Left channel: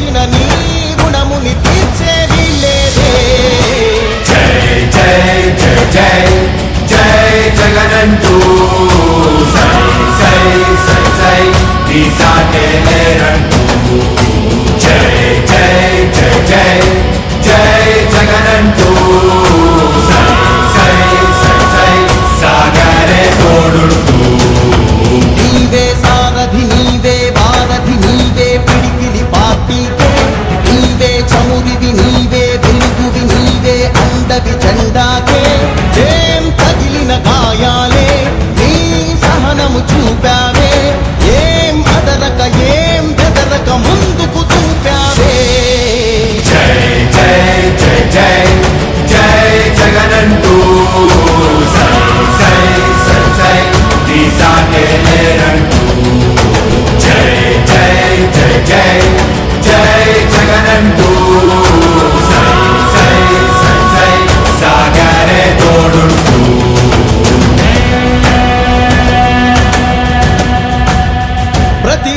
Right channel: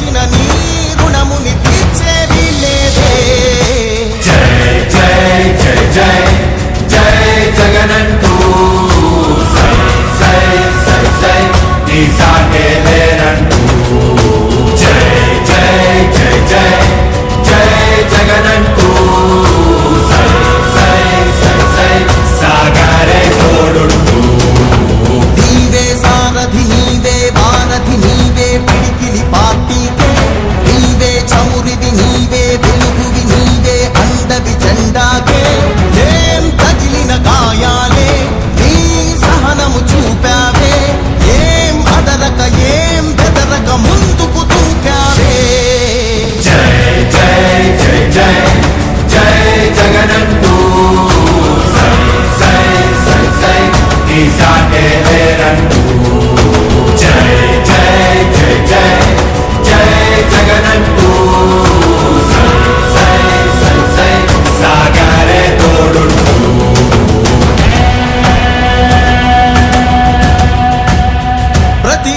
ఏమిచ్చిన నీ రుణముని తీర్చేది లేదే జై జై జై జై జై జగనంటూ సై సై సై సై నీ సాగే లేనంటూ చమురివి నీవే వెలుగువి నీవే అండవి జెండాకే ఏం తగిలిన గాయాలే నీ సహనము చూపావే.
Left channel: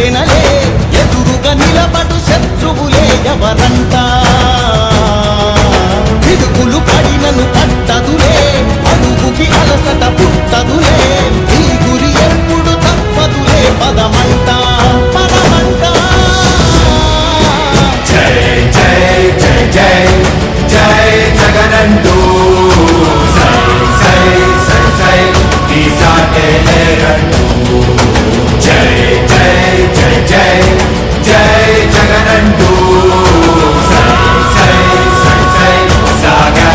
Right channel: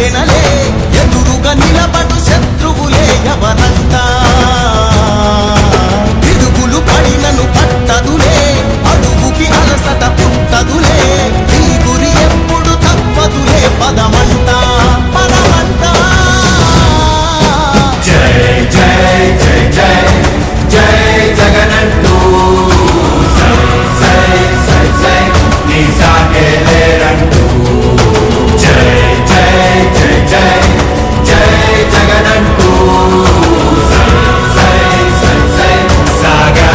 ఉప్పెనలే ఎదురుగా నిలబడు శత్రువులే ఎవరంటా?